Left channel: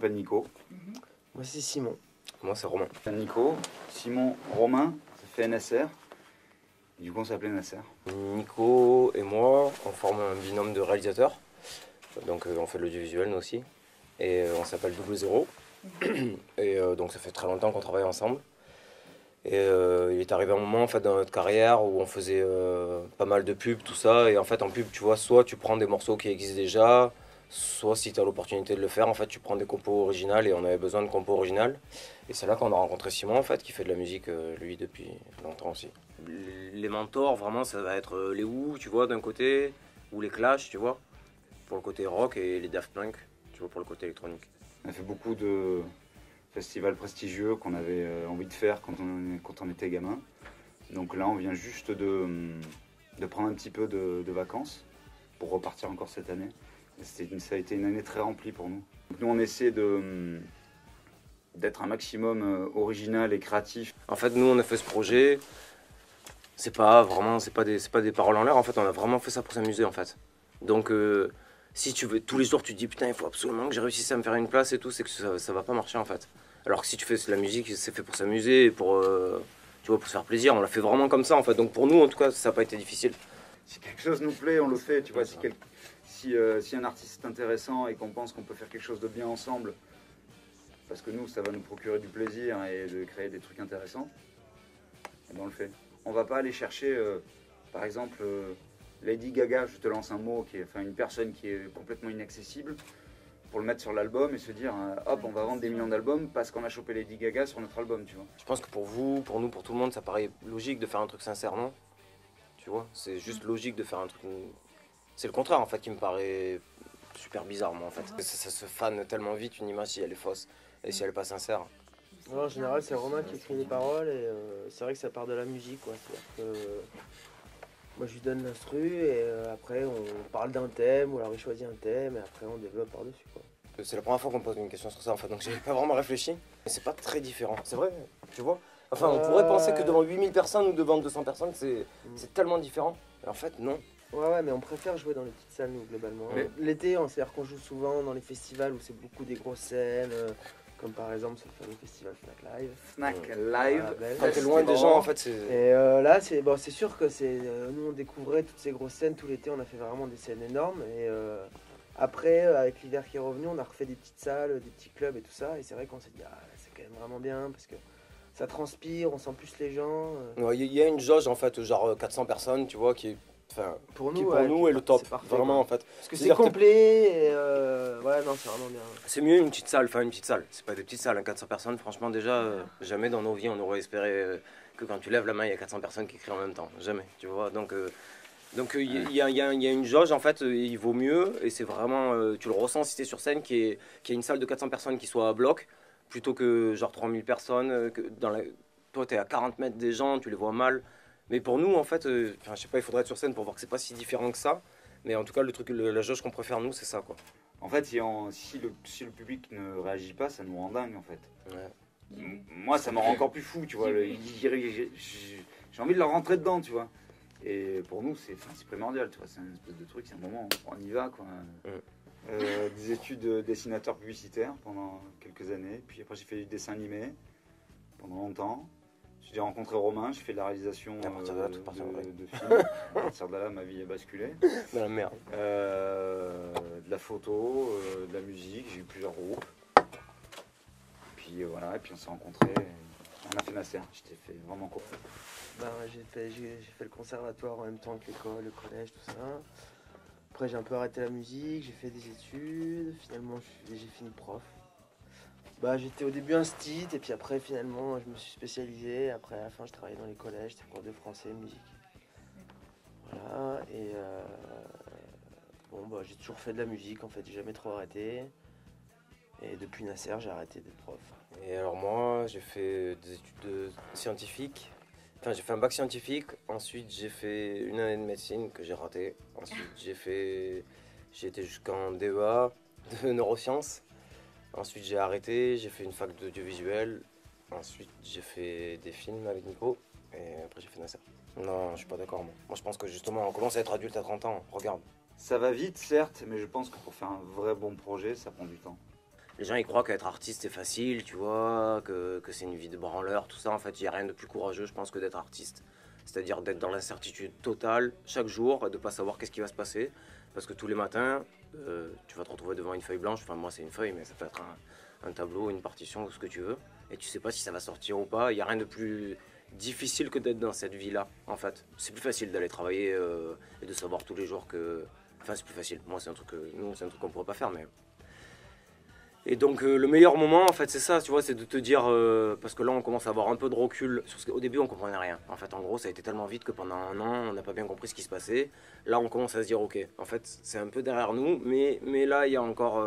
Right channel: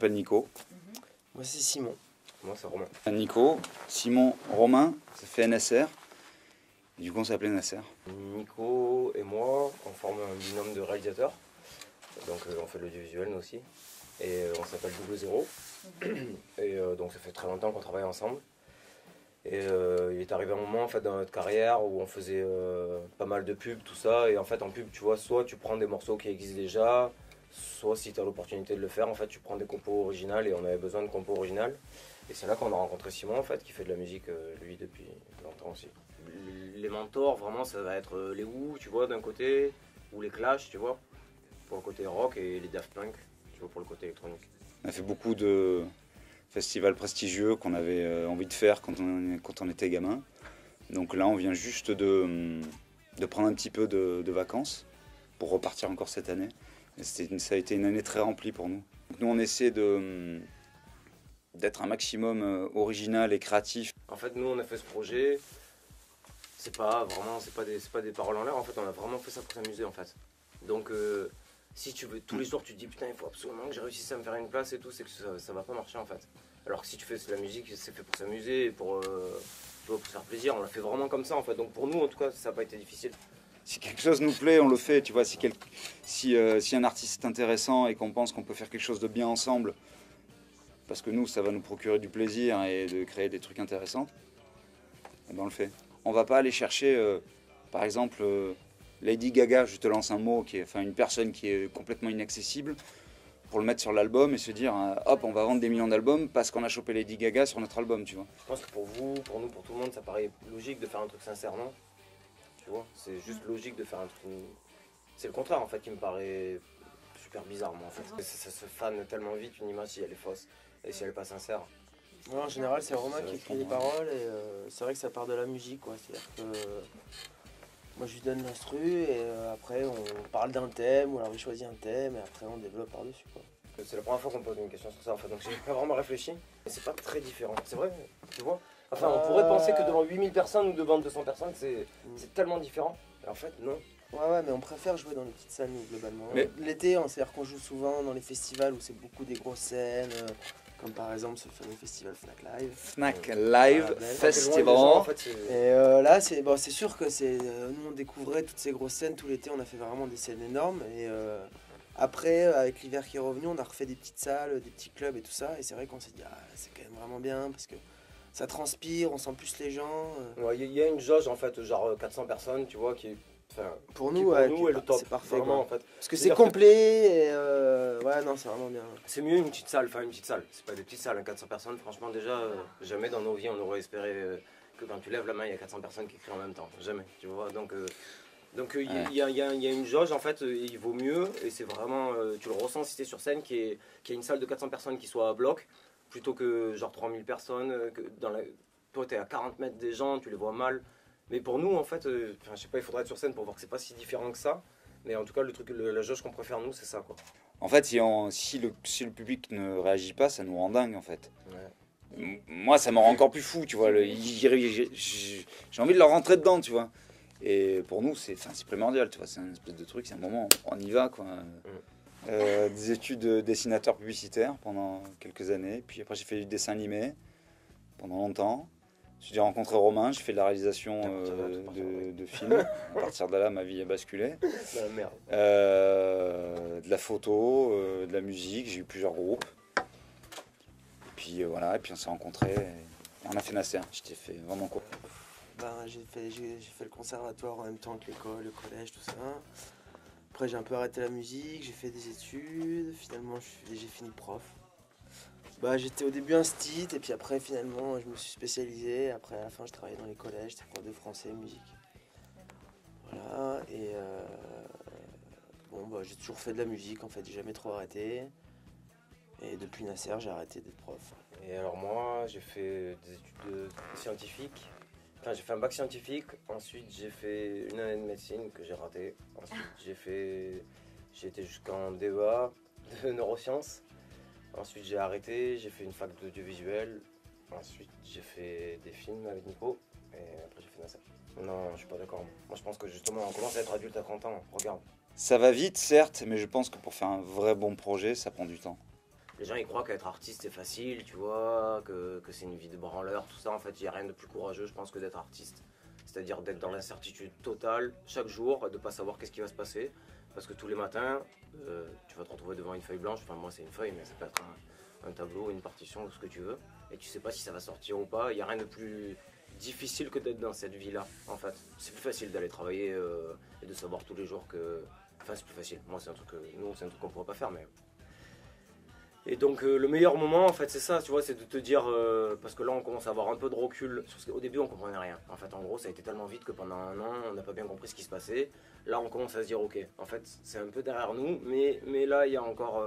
m'appelle Nico. Moi c'est Simon. Moi c'est Romain. Nico, Simon, Romain, ça fait NSR. Et du coup on s'appelait Nasser. Nico et moi, on forme un binôme de réalisateurs. Donc on fait de l'audiovisuel nous aussi. Et on s'appelle Double Zéro. Et donc ça fait très longtemps qu'on travaille ensemble. Et il est arrivé un moment en fait, dans notre carrière où on faisait pas mal de pubs, tout ça. Et en fait en pub, tu vois, soit tu prends des morceaux qui existent déjà, soit si tu as l'opportunité de le faire, en fait tu prends des compos originales et on avait besoin de compos originales. Et c'est là qu'on a rencontré Simon en fait, qui fait de la musique lui depuis longtemps aussi. Les mentors vraiment ça va être les Who, tu vois, d'un côté, ou les Clash, tu vois, pour le côté rock, et les Daft Punk, tu vois, pour le côté électronique. On a fait beaucoup de festivals prestigieux qu'on avait envie de faire quand on était gamin. Donc là on vient juste de prendre un petit peu de vacances pour repartir encore cette année. Ça a été une année très remplie pour nous. Donc nous on essaie d'être un maximum original et créatif. En fait nous on a fait ce projet, c'est pas des paroles en l'air, en fait on a vraiment fait ça pour s'amuser en fait. Donc si tu veux, tous les jours tu te dis putain il faut absolument que j'ai réussi à me faire une place et tout, c'est que ça va pas marcher en fait. Alors que si tu fais de la musique, c'est fait pour s'amuser et pour, tu vois, pour se faire plaisir, on l'a fait vraiment comme ça en fait. Donc pour nous en tout cas ça n'a pas été difficile. Si quelque chose nous plaît, on le fait, tu vois, si un artiste est intéressant et qu'on pense qu'on peut faire quelque chose de bien ensemble, parce que nous ça va nous procurer du plaisir et de créer des trucs intéressants, et ben on le fait. On va pas aller chercher, par exemple, Lady Gaga, je te lance un mot, une personne qui est complètement inaccessible, pour le mettre sur l'album et se dire, hop, on va vendre des millions d'albums parce qu'on a chopé Lady Gaga sur notre album, tu vois. Je pense que pour vous, pour nous, pour tout le monde, ça paraît logique de faire un truc sincère, non? Tu vois, c'est juste logique de faire un truc... C'est le contraire en fait qui me paraît super bizarre, moi en fait. Ça se fane tellement vite une image si elle est fausse et si elle est pas sincère. Ouais, en général c'est Romain qui écrit les paroles et c'est vrai que ça part de la musique quoi. C'est-à-dire que moi je lui donne l'instru et après on parle d'un thème ou alors il choisit un thème et après on développe par-dessus quoi. C'est la première fois qu'on me pose une question sur ça en fait, donc j'ai pas vraiment réfléchi, mais c'est pas très différent. C'est vrai, tu vois. Enfin on pourrait penser que devant 8000 personnes ou devant 200 personnes c'est tellement différent, mais en fait non. Ouais, mais on préfère jouer dans les petites salles, nous, globalement. Mais... L'été, c'est-à-dire qu'on joue souvent dans les festivals où c'est beaucoup des grosses scènes, comme par exemple ce fameux festival Fnac Live. Fnac Live, Festival en fait. Et là, c'est sûr que nous, on découvrait toutes ces grosses scènes tout l'été, on a fait vraiment des scènes énormes. Et après, avec l'hiver qui est revenu, on a refait des petites salles, des petits clubs et tout ça. Et c'est vrai qu'on s'est dit, c'est quand même vraiment bien parce que ça transpire, on sent plus les gens. Ouais, il y a une jauge en fait, genre 400 personnes, tu vois, qui... Enfin, pour nous est le top, c'est parfait vraiment en fait. Parce que c'est complet et ouais non c'est vraiment bien. C'est mieux une petite salle, c'est pas des petites salles, 400 personnes, franchement déjà jamais dans nos vies on aurait espéré que quand tu lèves la main il y a 400 personnes qui crient en même temps, jamais, tu vois. Donc il y a une jauge en fait, il vaut mieux et c'est vraiment, tu le ressens si t'es sur scène, qu'il y ait une salle de 400 personnes qui soit à bloc, plutôt que genre 3000 personnes, toi t'es à 40 mètres des gens, tu les vois mal. Mais pour nous, en fait, je sais pas, il faudrait être sur scène pour voir que c'est pas si différent que ça. Mais en tout cas, la jauge qu'on préfère, nous, c'est ça, quoi. En fait, si le public ne réagit pas, ça nous rend dingue, en fait. Ouais. Moi, ça me rend encore plus fou, tu vois. J'ai envie de leur rentrer dedans, tu vois. Et pour nous, c'est primordial, tu vois. C'est un espèce de truc, c'est un moment, on y va, quoi. Des études de dessinateur publicitaire pendant quelques années. Puis après, j'ai fait du dessin animé pendant longtemps. J'ai rencontré Romain, j'ai fait de la réalisation de films. À partir de là, ma vie a basculé. La merde. De la photo, de la musique, j'ai eu plusieurs groupes. Puis voilà, et puis on s'est rencontrés. On a fait Nasser, j'étais fait vraiment court. J'ai fait le conservatoire en même temps que l'école, le collège, tout ça. Après j'ai un peu arrêté la musique, j'ai fait des études. Finalement j'ai fini prof. J'étais au début instit et puis après finalement je me suis spécialisé. Après à la fin je travaillais dans les collèges, j'étais cours de français, musique. Voilà et j'ai toujours fait de la musique en fait, j'ai jamais trop arrêté. Et depuis Nasser j'ai arrêté d'être prof. Et alors moi j'ai fait des études scientifiques. Enfin j'ai fait un bac scientifique, ensuite j'ai fait une année de médecine que j'ai raté. Ensuite j'ai été jusqu'en DEA de neurosciences. Ensuite j'ai arrêté, j'ai fait une fac d'audiovisuel, ensuite j'ai fait des films avec Nico, et après j'ai fait Nasser. Non, je suis pas d'accord. Moi je pense que justement on commence à être adulte à 30 ans, regarde. Ça va vite certes, mais je pense que pour faire un vrai bon projet, ça prend du temps. les gens ils croient qu'être artiste c'est facile, tu vois, que c'est une vie de branleur, tout ça. En fait, il n'y a rien de plus courageux, je pense, que d'être artiste. C'est-à-dire d'être dans l'incertitude totale chaque jour, de ne pas savoir qu'est-ce qui va se passer. Parce que tous les matins, tu vas te retrouver devant une feuille blanche. Enfin, moi, c'est une feuille, mais ça peut être un tableau, une partition, ou ce que tu veux. Et tu sais pas si ça va sortir ou pas. Il n'y a rien de plus difficile que d'être dans cette vie-là, en fait. C'est plus facile d'aller travailler et de savoir tous les jours que... Enfin, c'est plus facile. Moi, c'est un truc que... Nous, c'est un truc qu'on ne pourrait pas faire, mais... Et donc le meilleur moment en fait c'est ça, tu vois, c'est de te dire, parce que là on commence à avoir un peu de recul, parce qu'au début on comprenait rien, en fait en gros ça a été tellement vite que pendant un an on n'a pas bien compris ce qui se passait. Là on commence à se dire ok, en fait c'est un peu derrière nous, mais là il y a encore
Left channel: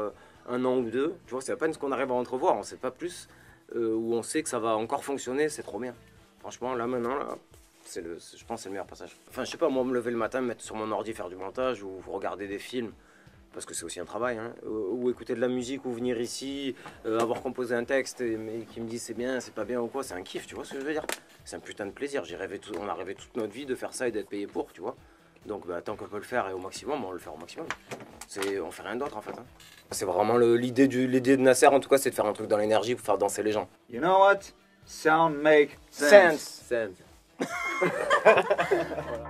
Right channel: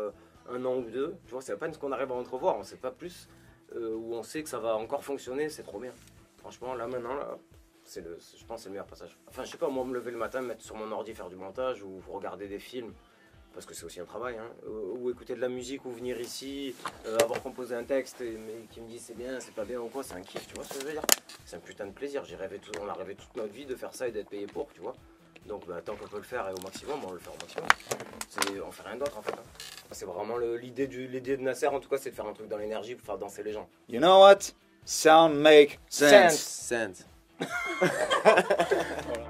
un an ou deux, tu vois, c'est à peine ce qu'on arrive à entrevoir, on sait pas plus, où on sait que ça va encore fonctionner, c'est trop bien. Franchement là maintenant, là, je pense que c'est le meilleur passage. Enfin je sais pas, moi me lever le matin, me mettre sur mon ordi, faire du montage ou regarder des films, parce que c'est aussi un travail, hein, ou écouter de la musique, ou venir ici, avoir composé un texte, mais qui me dit c'est bien, c'est pas bien ou quoi, c'est un kiff, tu vois ce que je veux dire. C'est un putain de plaisir, on a rêvé toute notre vie de faire ça et d'être payé pour, tu vois. Donc bah, tant qu'on peut le faire et au maximum, on le fait au maximum. On fait rien d'autre en fait. Hein. C'est vraiment l'idée de Nasser en tout cas, c'est de faire un truc dans l'énergie pour faire danser les gens. You know what? Sound make sense. Sense. Voilà.